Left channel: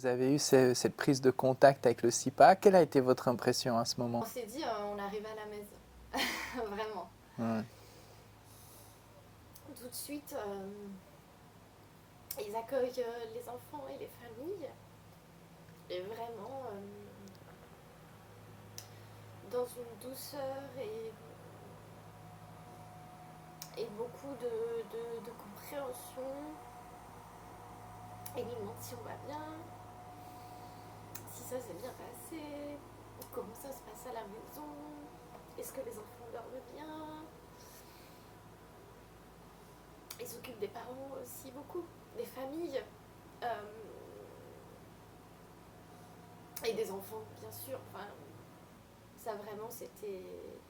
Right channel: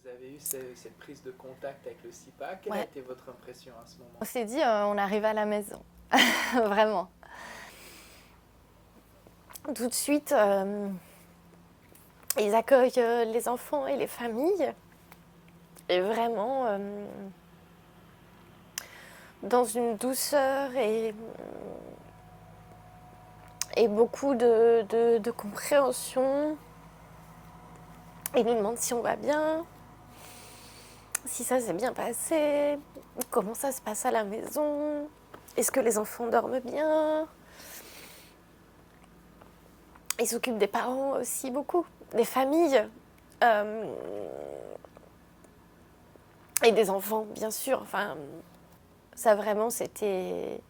Vous avez eu cette prise de contact avec le SIPA. Quelle a été votre impression à ce moment? On s'est dit, on arrive à la maison, vraiment. Ouais. Tout de suite, ils accueillent les enfants et les familles. Et vraiment, dans une douceur et beaucoup de compréhension. Ils nous demandent si on va bien, si ça s'est bien passé, comment ça se passe à la maison, est-ce que les enfants dorment bien. Ils s'occupent des parents aussi beaucoup, des familles et des enfants, bien sûr. Enfin, ça vraiment, c'était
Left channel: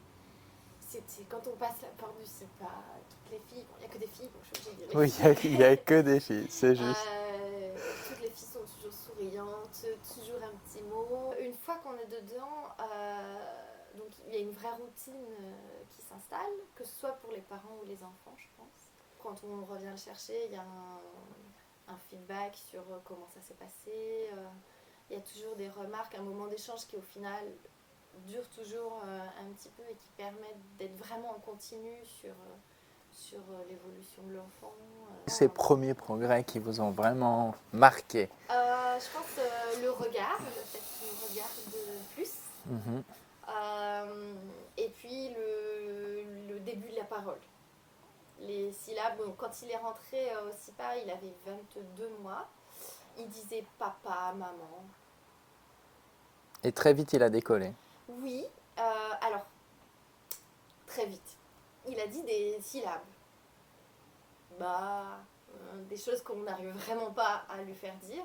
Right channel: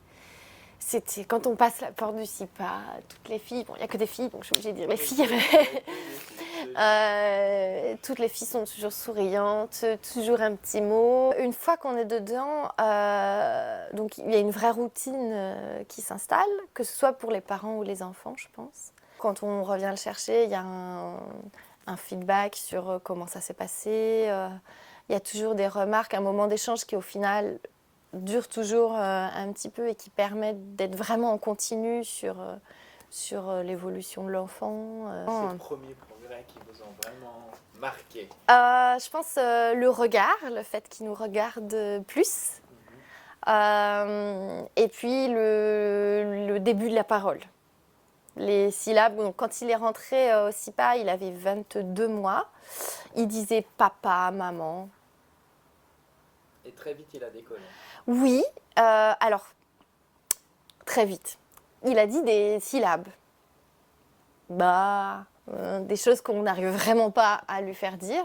quand on passe la porte du SIPA, toutes les filles, bon, il n'y a que des filles, donc je suis obligée de dire les Oui, filles. il n'y a que des filles, c'est juste. Toutes les filles sont toujours souriantes, toujours un petit mot. Une fois qu'on est dedans, donc il y a une vraie routine qui s'installe, que ce soit pour les parents ou les enfants, je pense. Quand on revient le chercher, il y a un feedback sur comment ça s'est passé. Il y a toujours des remarques, un moment d'échange qui au final dure toujours un petit peu et qui permettent d'être vraiment en continu sur l'évolution de l'enfant. Ces premiers progrès qui vous ont vraiment marqué? Je pense le regard, le fait qu'il nous regarde plus. Et puis le début de la parole. Les syllabes, donc, quand il est rentré au SIPA, il avait 22 mois. Il disait papa, maman. Et très vite, il a décollé. Oui, alors, très vite. Il a dit des syllabes. Bah, des choses qu'on n'arrive vraiment pas à lui faire dire.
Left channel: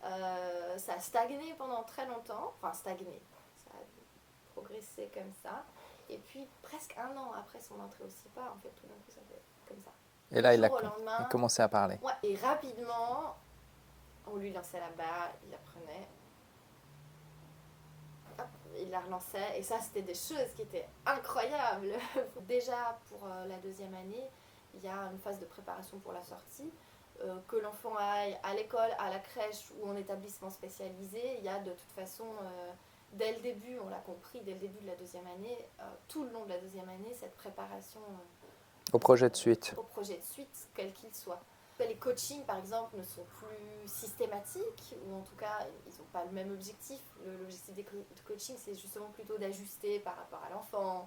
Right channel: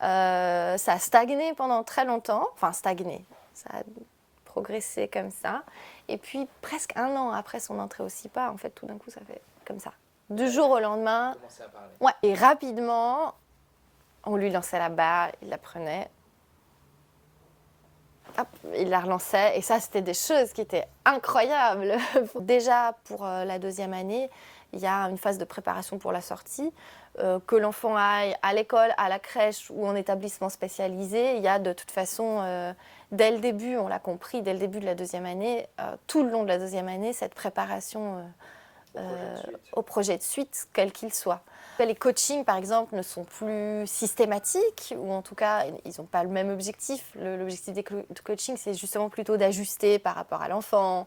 Ça a stagné pendant très longtemps. Enfin, stagné. Ça a progressé comme ça. Et puis, presque un an après son entrée au SIPA, en fait, tout d'un coup, ça fait comme ça. Du jour au lendemain. Il a commencé à parler. Ouais. Et rapidement, on lui lançait la barre, il la prenait. Hop, il la relançait. Et ça, c'était des choses qui étaient incroyables. Déjà, pour la deuxième année, il y a une phase de préparation pour la sortie. Que l'enfant aille à l'école, à la crèche ou en établissement spécialisé, il y a de toute façon, dès le début, on l'a compris, dès le début de la deuxième année, tout le long de la deuxième année, cette préparation au projet de suite. Au projet de suite, quel qu'il soit. Les coachings, par exemple, ne sont plus systématiques, ou en tout cas, ils n'ont pas le même objectif. L'objectif des coachings, c'est justement plutôt d'ajuster par rapport à l'enfant,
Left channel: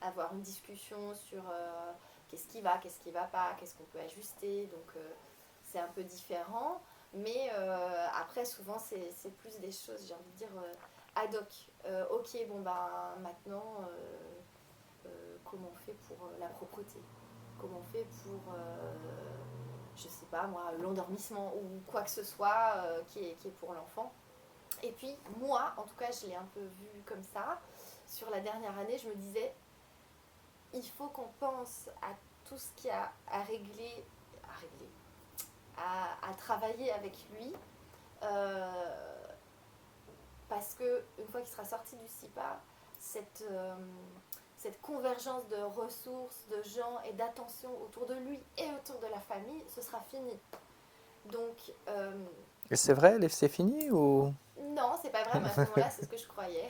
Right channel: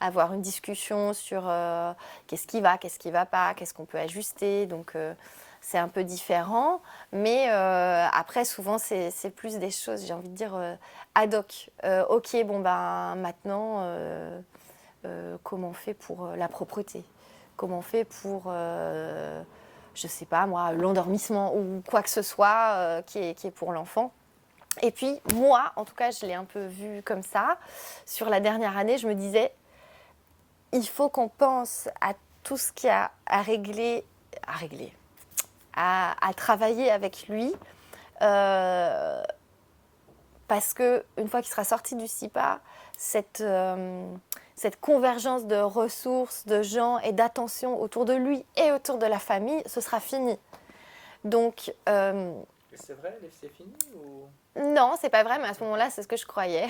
avoir une discussion sur qu'est-ce qui va pas, qu'est-ce qu'on peut ajuster. Donc, c'est un peu différent. Mais après, souvent, c'est plus des choses, j'ai envie de dire, ad hoc. Ok, bon, ben maintenant, comment on fait pour la propreté? Comment on fait pour, je sais pas moi, l'endormissement ou quoi que ce soit qui est pour l'enfant? Et puis, moi, en tout cas, je l'ai un peu vu comme ça. Sur la dernière année, je me disais, il faut qu'on pense à tout ce qu'il y a à régler, à travailler avec lui. Parce qu'une fois qu'il sera sorti du SIPA, cette convergence de ressources, de gens et d'attention autour de lui et autour de la famille, ce sera fini. Donc, et c'est vrai, c'est fini ou? Non, c'est pas vrai, mais à ce moment-là, c'est ce que je croyais.